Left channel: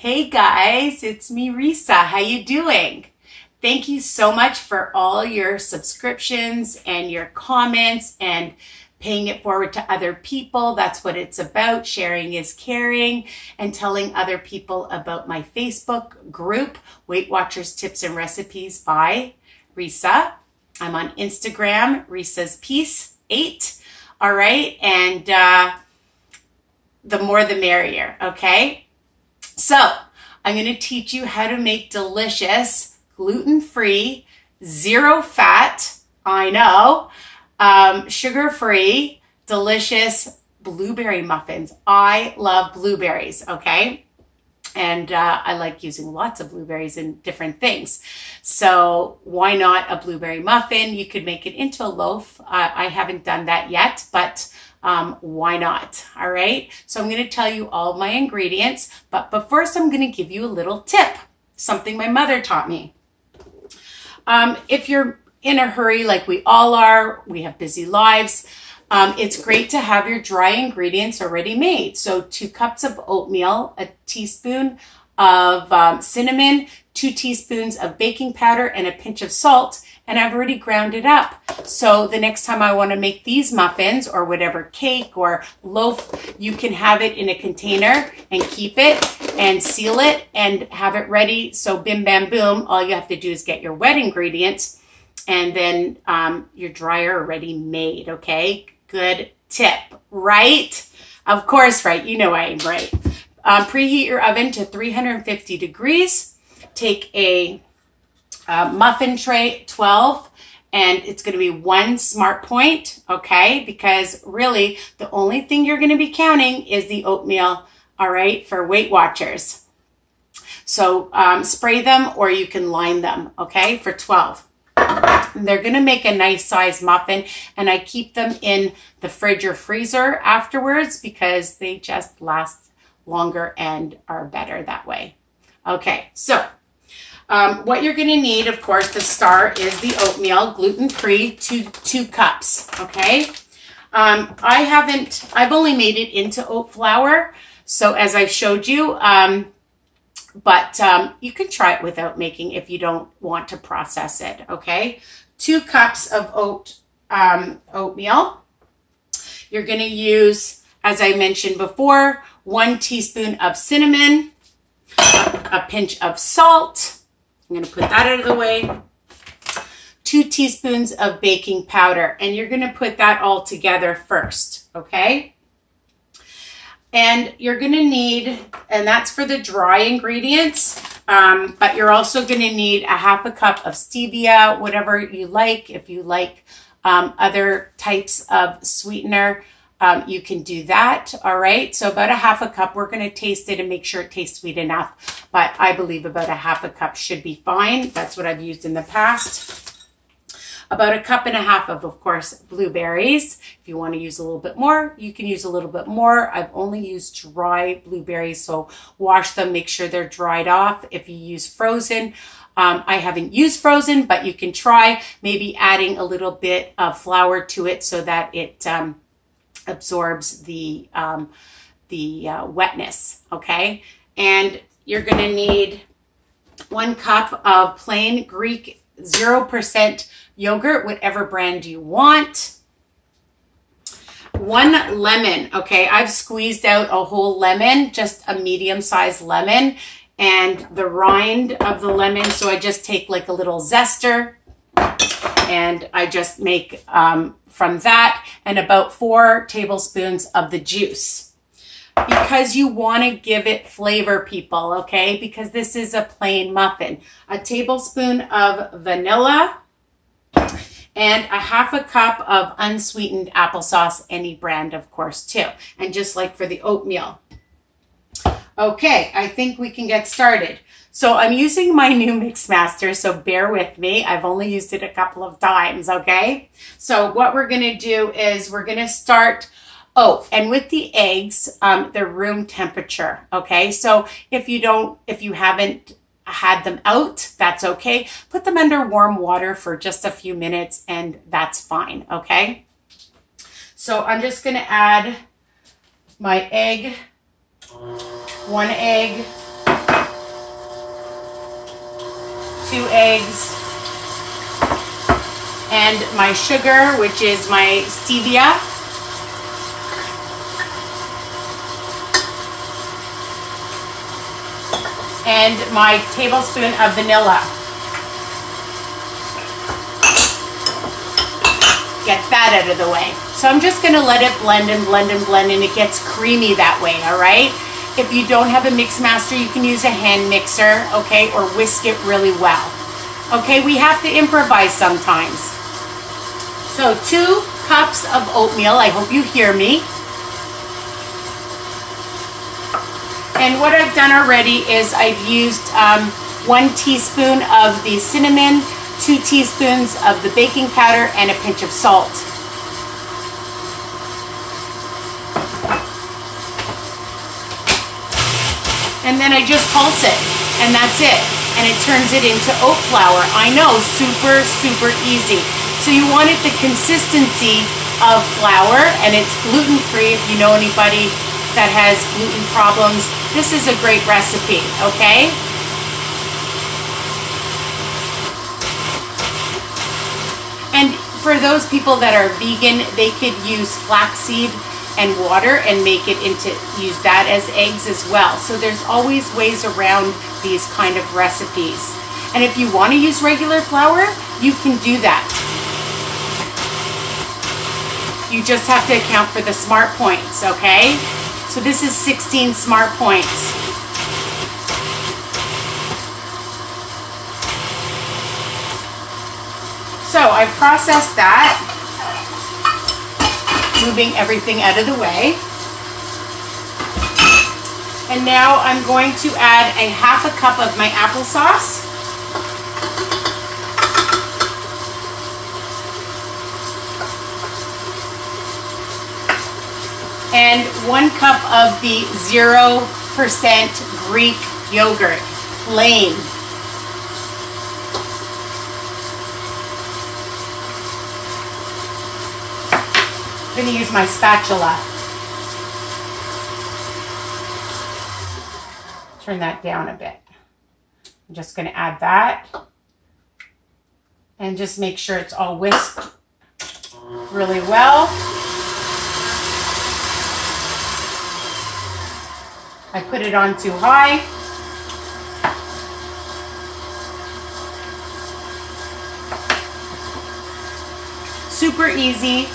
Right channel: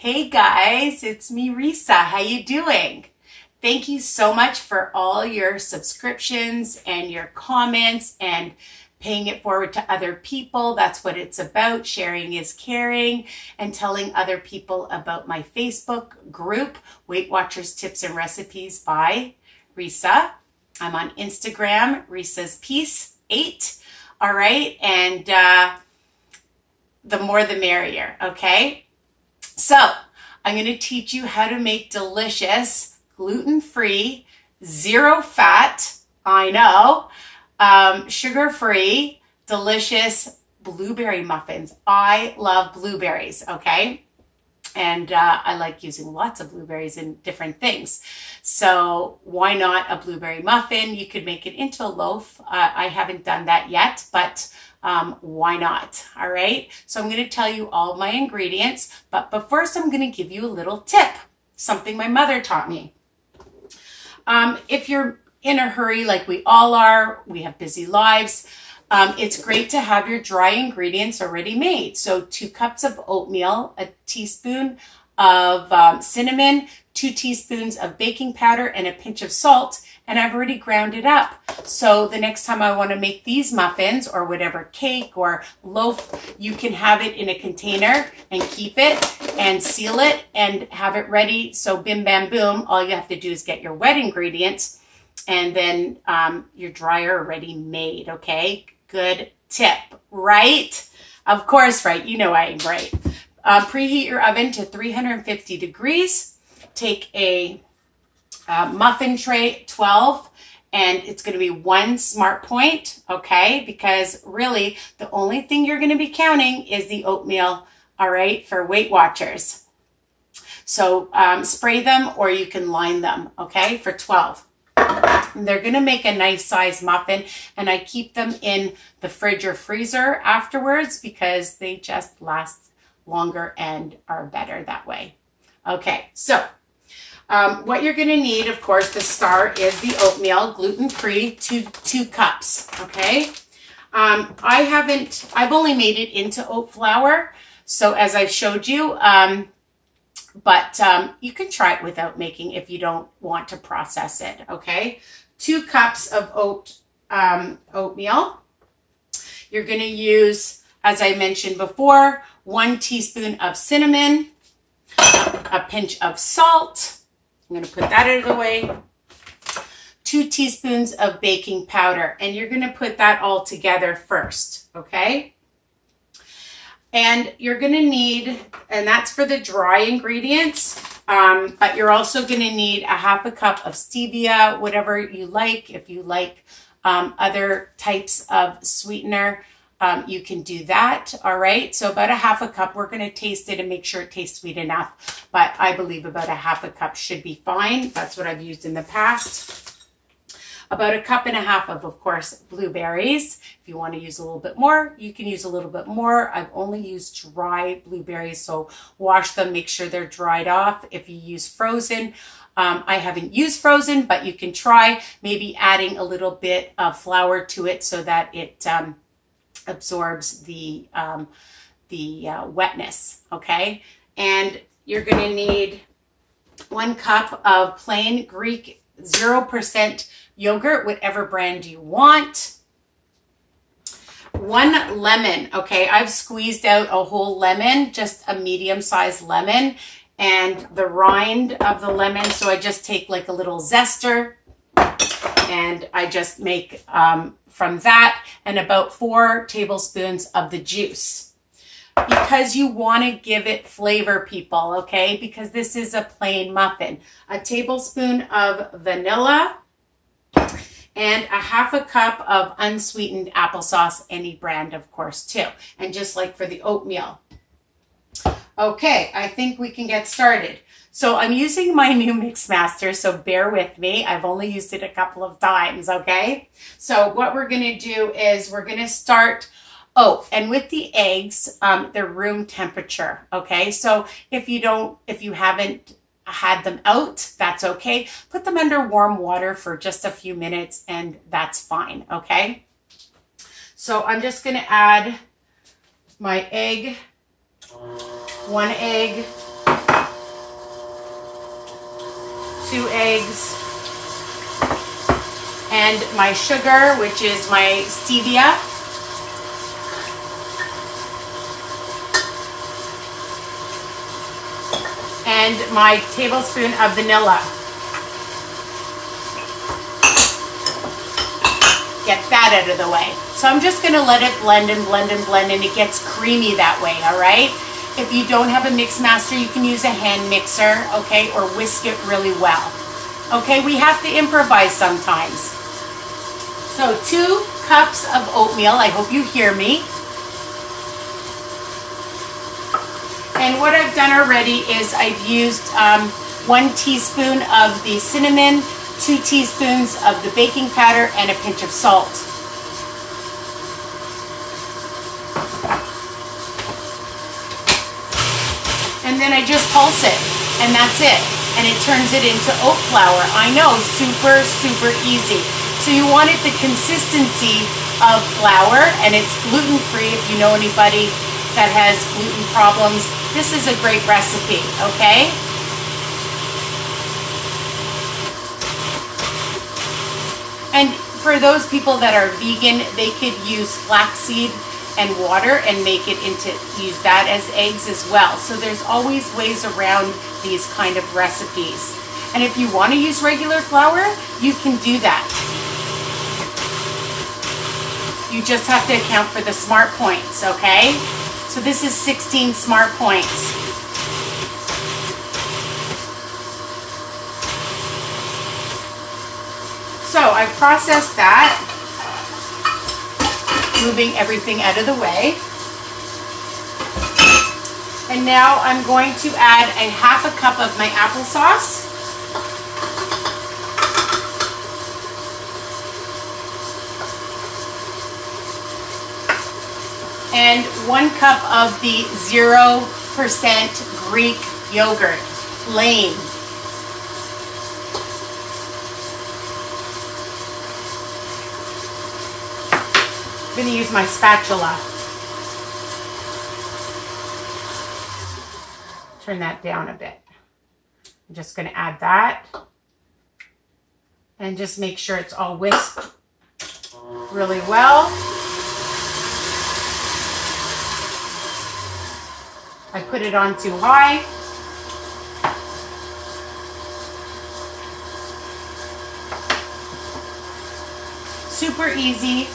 Hey guys, it's me, Risa. How you doing? Thank you so much for all your subscriptions and your comments and paying it forward to other people. That's what it's about. Sharing is caring, and telling other people about my Facebook group, Weight Watchers Tips and Recipes by Risa. I'm on Instagram, Risa's Piece 8. All right. And the more the merrier. Okay. So I'm going to teach you how to make delicious, gluten-free, zero fat, I know, sugar-free, delicious blueberry muffins. I love blueberries, okay? And I like using lots of blueberries in different things. So why not a blueberry muffin? You could make it into a loaf. I haven't done that yet, but why not? All right. So I'm going to tell you all of my ingredients, but first I'm going to give you a little tip, something my mother taught me. If you're in a hurry, like we all are, we have busy lives, it's great to have your dry ingredients already made. So 2 cups of oatmeal, a teaspoon of cinnamon, 2 teaspoons of baking powder, and a pinch of salt. And I've already ground it up. So the next time I want to make these muffins or whatever cake or loaf, you can have it in a container and keep it and seal it and have it ready. So bim, bam, boom. All you have to do is get your wet ingredients and then your dryer already made. Okay. Good tip, right? Of course, right. You know I'm right. Preheat your oven to 350 degrees. Take a muffin tray, 12, and it's going to be 1 smart point, okay? Because really, the only thing you're going to be counting is the oatmeal, all right, for Weight Watchers. So spray them or you can line them, okay, for 12. They're going to make a nice size muffin, and I keep them in the fridge or freezer afterwards because they just last longer and are better that way. Okay, so what you're going to need, of course, the star is the oatmeal, gluten-free, 2 cups, okay? I've only made it into oat flour, so as I've showed you, but you can try it without making if you don't want to process it, okay? 2 cups of oatmeal. You're going to use, as I mentioned before, 1 teaspoon of cinnamon, a pinch of salt. I'm going to put that out of the way. 2 teaspoons of baking powder, and you're going to put that all together first, okay? And you're going to need, and that's for the dry ingredients, but you're also going to need a 1/2 cup of stevia, whatever you like. If you like other types of sweetener, you can do that. All right. So about a 1/2 cup, we're going to taste it and make sure it tastes sweet enough. But I believe about a 1/2 cup should be fine. That's what I've used in the past. About 1.5 cups of course, blueberries. If you want to use a little bit more, you can use a little bit more. I've only used dry blueberries, so wash them, make sure they're dried off. If you use frozen, I haven't used frozen, but you can try maybe adding a little bit of flour to it so that it absorbs the wetness, okay? And you're going to need 1 cup of plain Greek 0% yogurt, whatever brand you want. 1 lemon, okay? I've squeezed out a whole lemon, just a medium-sized lemon, and the rind of the lemon, so I just take like a little zester, and I just make from that, and about 4 tablespoons of the juice. Because you want to give it flavor, people, okay? Because this is a plain muffin. A tablespoon of vanilla, and a 1/2 cup of unsweetened applesauce, any brand, of course, too. And just like for the oatmeal. Okay, I think we can get started. So I'm using my new Mixmaster, so bear with me. I've only used it a couple of times, okay? So what we're going to do is we're going to start, and with the eggs, they're room temperature, okay? So if you haven't had them out, that's okay. Put them under warm water for just a few minutes and that's fine, okay? So I'm just going to add my egg, 1 egg, eggs, and my sugar, which is my stevia. And my tablespoon of vanilla. Get that out of the way. So I'm just gonna let it blend and blend and blend, and it gets creamy that way, all right? If you don't have a mix master, you can use a hand mixer, okay, or whisk it really well. Okay, we have to improvise sometimes. So 2 cups of oatmeal, I hope you hear me. And what I've done already is I've used 1 teaspoon of the cinnamon, 2 teaspoons of the baking powder, and a pinch of salt. And then I just pulse it, and that's it. And it turns it into oat flour. I know, super, super easy. So you want it the consistency of flour, and it's gluten-free if you know anybody that has gluten problems. This is a great recipe, okay? And for those people that are vegan, they could use flaxseed and water and make it into, use that as eggs as well. So there's always ways around these kind of recipes. And if you want to use regular flour, you can do that. You just have to account for the smart points, okay? So this is 16 smart points. So I processed that, moving everything out of the way. And now I'm going to add a ½ a cup of my applesauce. And 1 cup of the 0% Greek yogurt, plain. I'm going to use my spatula. Turn that down a bit. I'm just going to add that. And just make sure it's all whisked really well. I put it on too high. Super easy.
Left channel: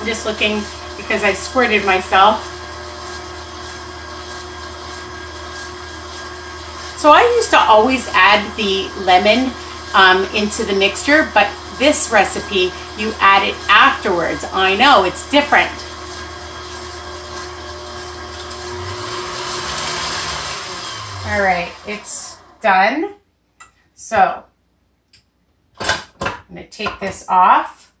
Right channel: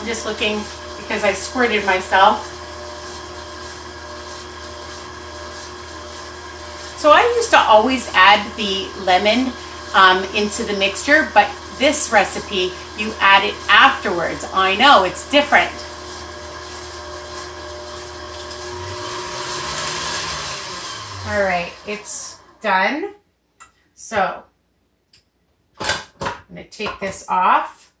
I'm just looking because I squirted myself. So I used to always add the lemon into the mixture, but this recipe, you add it afterwards. I know, it's different. All right, it's done. So I'm going to take this off.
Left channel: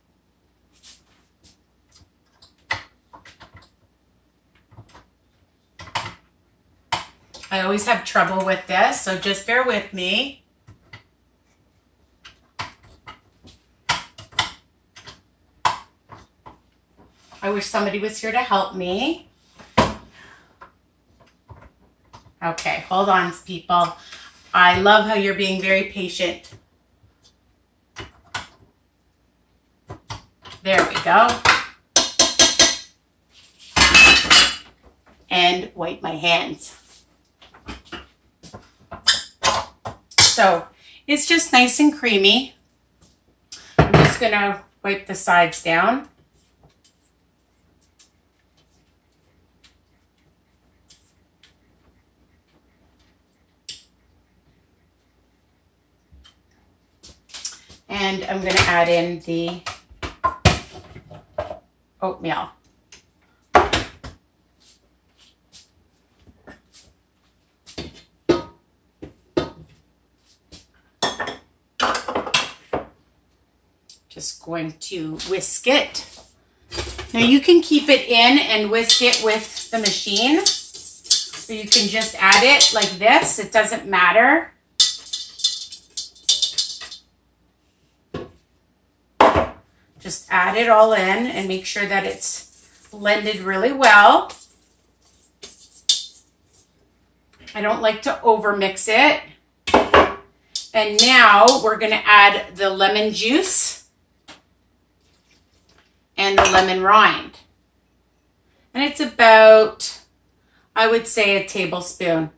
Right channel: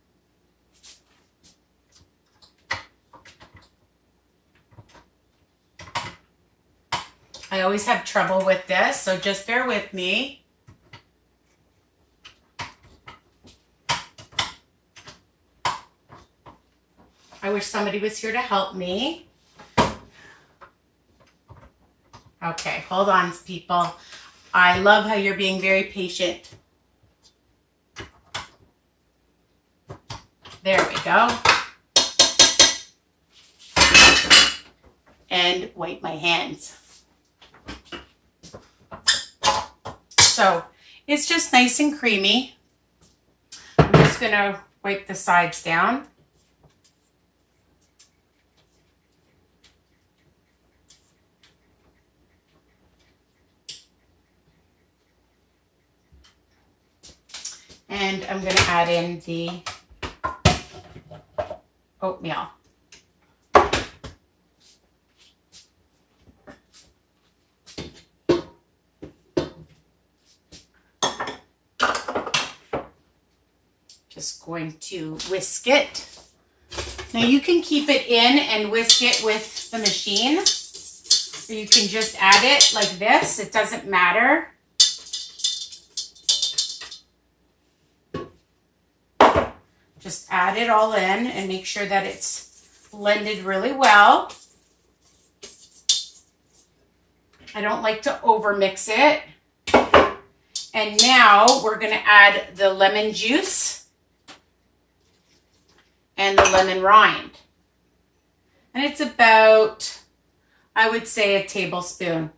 I always have trouble with this, so just bear with me. I wish somebody was here to help me. Okay, hold on, people. I love how you're being very patient. There we go. And wipe my hands. So it's just nice and creamy. I'm just going to wipe the sides down. And I'm going to add in the oatmeal. Just going to whisk it. Now you can keep it in and whisk it with the machine, or you can just add it like this. It doesn't matter. Just add it all in and make sure that it's blended really well. I don't like to over mix it. And now we're going to add the lemon juice and the lemon rind. And it's about, I would say, a tablespoon.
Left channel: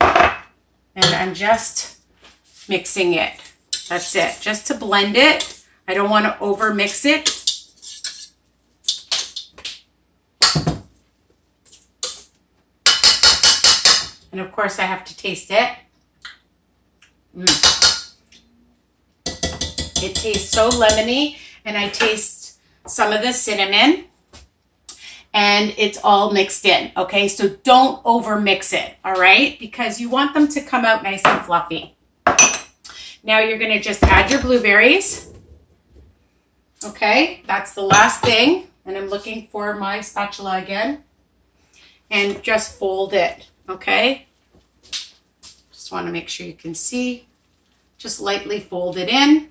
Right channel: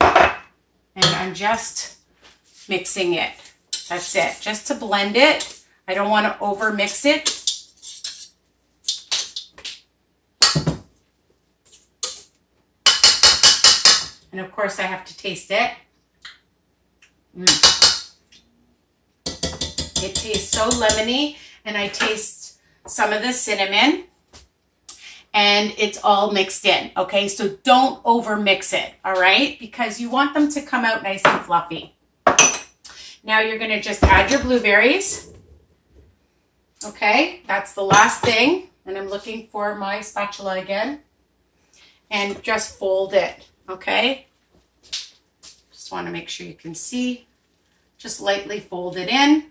And I'm just mixing it. That's it. Just to blend it. I don't want to over mix it. And of course I have to taste it. It tastes so lemony, and I taste some of the cinnamon, and it's all mixed in, okay? So don't over mix it, all right? Because you want them to come out nice and fluffy. Now you're gonna just add your blueberries. Okay, that's the last thing. And I'm looking for my spatula again. And just fold it, okay? Just want to make sure you can see. Just lightly fold it in.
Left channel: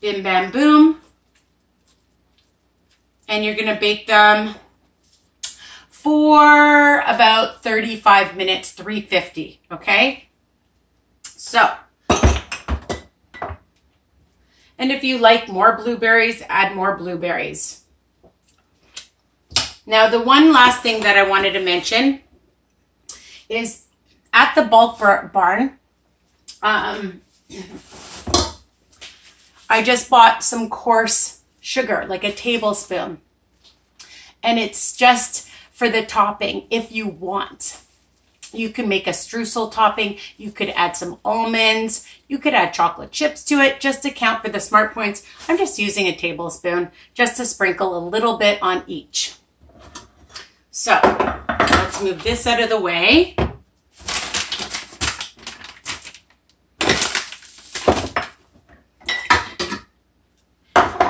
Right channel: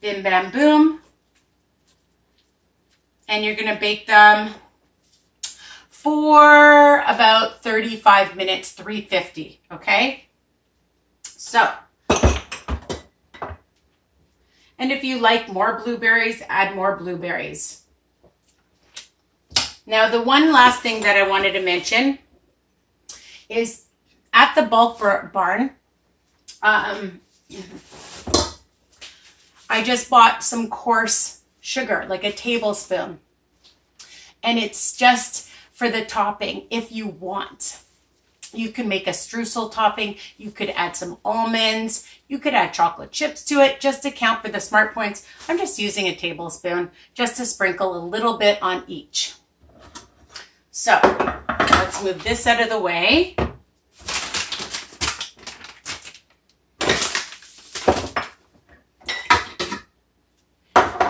Bim, bam, boom. And you're going to bake them for about 35 minutes, 350, okay? So, and if you like more blueberries, add more blueberries. Now, the one last thing that I wanted to mention is at the bulk barn, I just bought some coarse sugar, like a tablespoon. And it's just for the topping if you want. You can make a streusel topping. You could add some almonds. You could add chocolate chips to it just to count for the smart points. I'm just using a tablespoon just to sprinkle a little bit on each. So let's move this out of the way.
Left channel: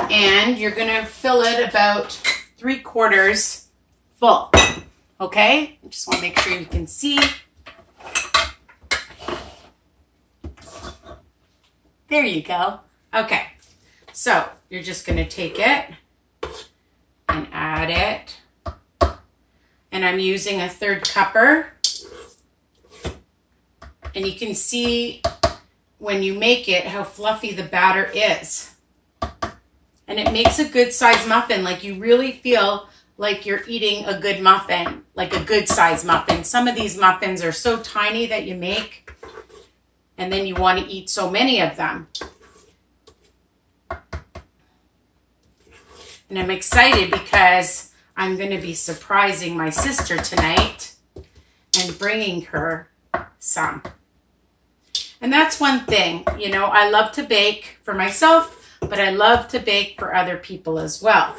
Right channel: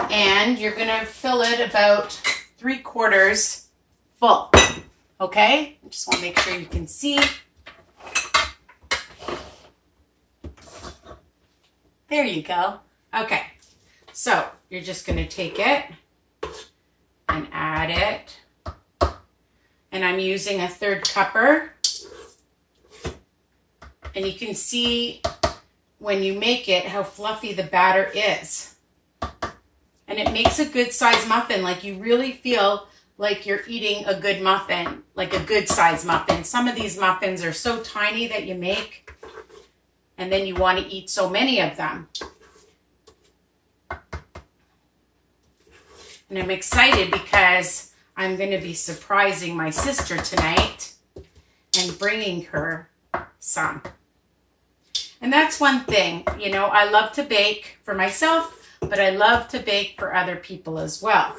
And you're going to fill it about 3/4 full. Okay? I just want to make sure you can see. There you go. Okay. So you're just going to take it and add it. And I'm using a 1/3 cupper. And you can see when you make it how fluffy the batter is. And it makes a good size muffin. Like you really feel like you're eating a good muffin, like a good size muffin. Some of these muffins are so tiny that you make, and then you want to eat so many of them. And I'm excited because I'm going to be surprising my sister tonight and bringing her some. And that's one thing, you know, I love to bake for myself, but I love to bake for other people as well.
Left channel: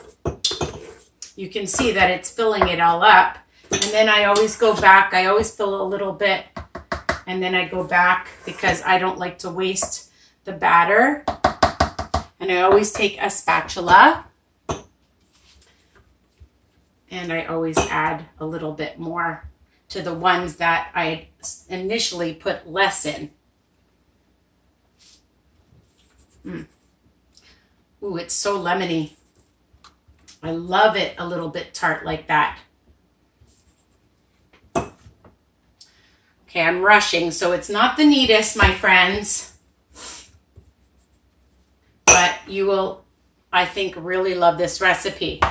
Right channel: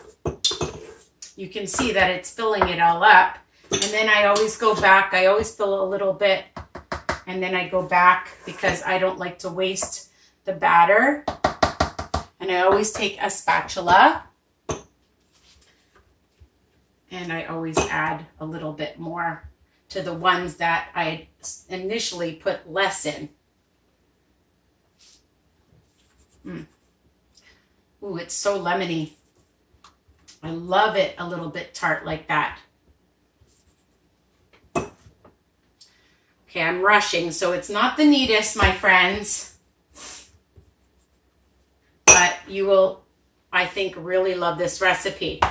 You can see that it's filling it all up. And then I always go back. I always fill a little bit. And then I go back because I don't like to waste the batter. And I always take a spatula. And I always add a little bit more to the ones that I initially put less in. Ooh, it's so lemony. I love it a little bit tart like that. Okay, I'm rushing, so it's not the neatest, my friends. But you will, I think, really love this recipe.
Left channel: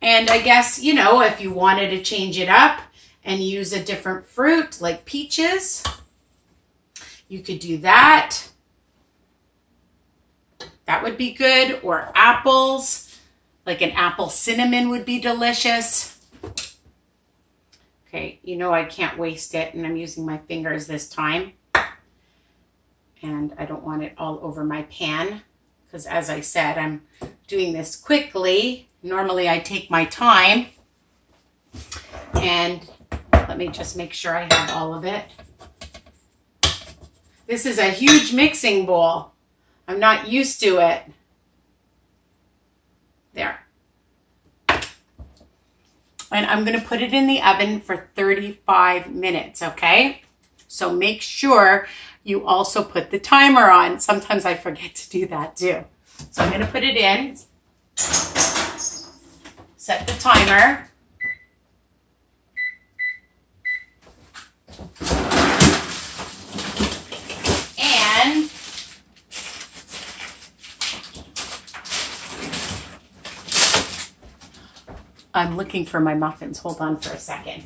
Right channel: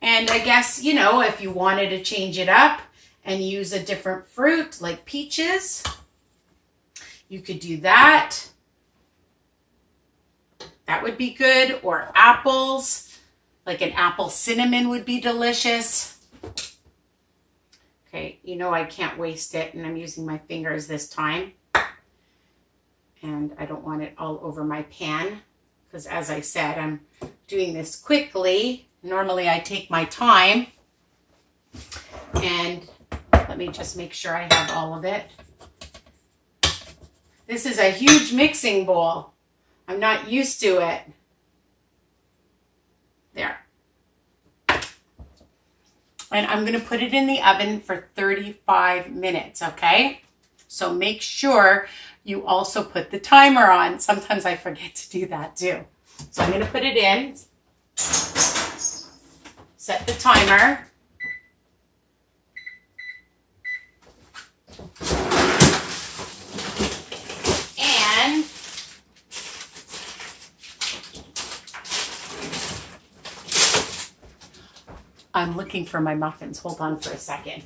And I guess, you know, if you wanted to change it up and use a different fruit like peaches, you could do that. That would be good. Or apples, like an apple cinnamon would be delicious. Okay, you know I can't waste it, and I'm using my fingers this time. And I don't want it all over my pan because, as I said, I'm doing this quickly. Normally I take my time. And let me just make sure I have all of it. This is a huge mixing bowl. I'm not used to it. There. And I'm going to put it in the oven for 35 minutes, okay? So make sure you also put the timer on. Sometimes I forget to do that too. So I'm going to put it in. Set the timer. I'm looking for my muffins. Hold on for a second.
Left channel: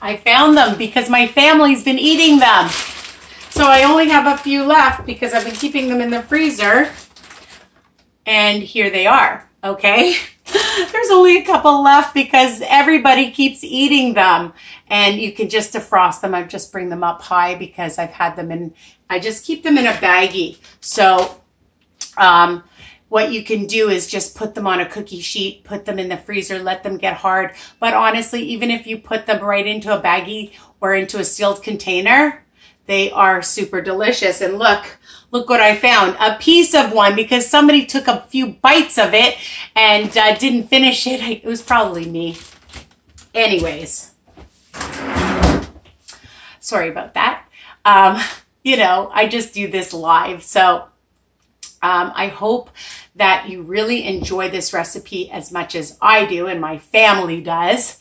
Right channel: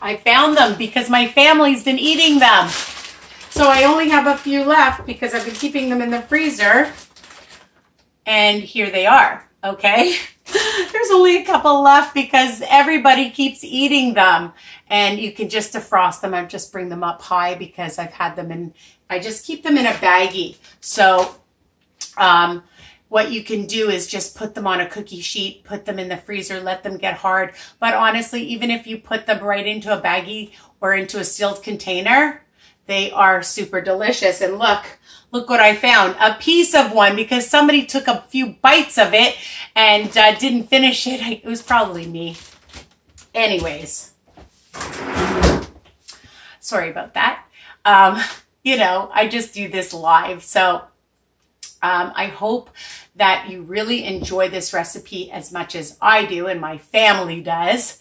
I found them because my family's been eating them. So I only have a few left because I've been keeping them in the freezer. And here they are, okay? There's only a couple left because everybody keeps eating them. And you can just defrost them. I just bring them up high because I've had them in, I just keep them in a baggie. So what you can do is just put them on a cookie sheet, put them in the freezer, let them get hard. But honestly, even if you put them right into a baggie or into a sealed container, they are super delicious. And look what I found. A piece of one because somebody took a few bites of it and didn't finish it. It was probably me. Anyways, sorry about that. You know, I just do this live. So I hope that you really enjoy this recipe as much as I do and my family does.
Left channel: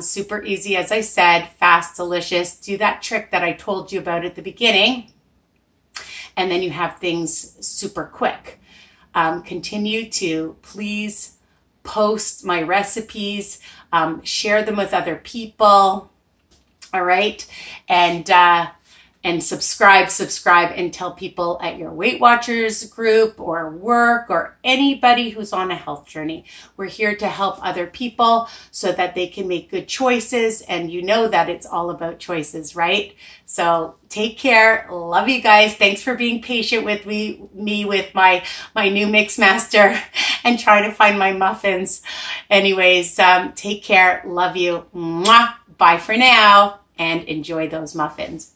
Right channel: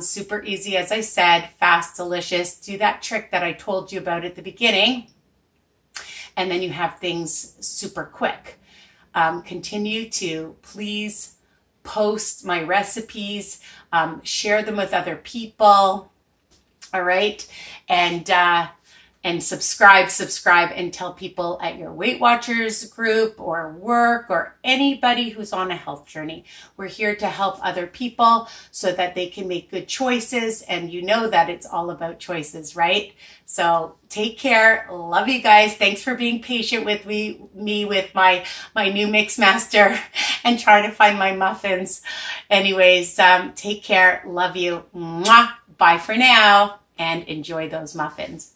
Super easy, as I said, fast, delicious. Do that trick that I told you about at the beginning. And then you have things super quick. Continue to please post my recipes, share them with other people. All right. And subscribe and tell people at your Weight Watchers group or work or anybody who's on a health journey. We're here to help other people so that they can make good choices. And you know that it's all about choices, right? So take care. Love you guys. Thanks for being patient with me with my new mix master and trying to find my muffins. Anyways, take care. Love you. Mwah. Bye for now and enjoy those muffins.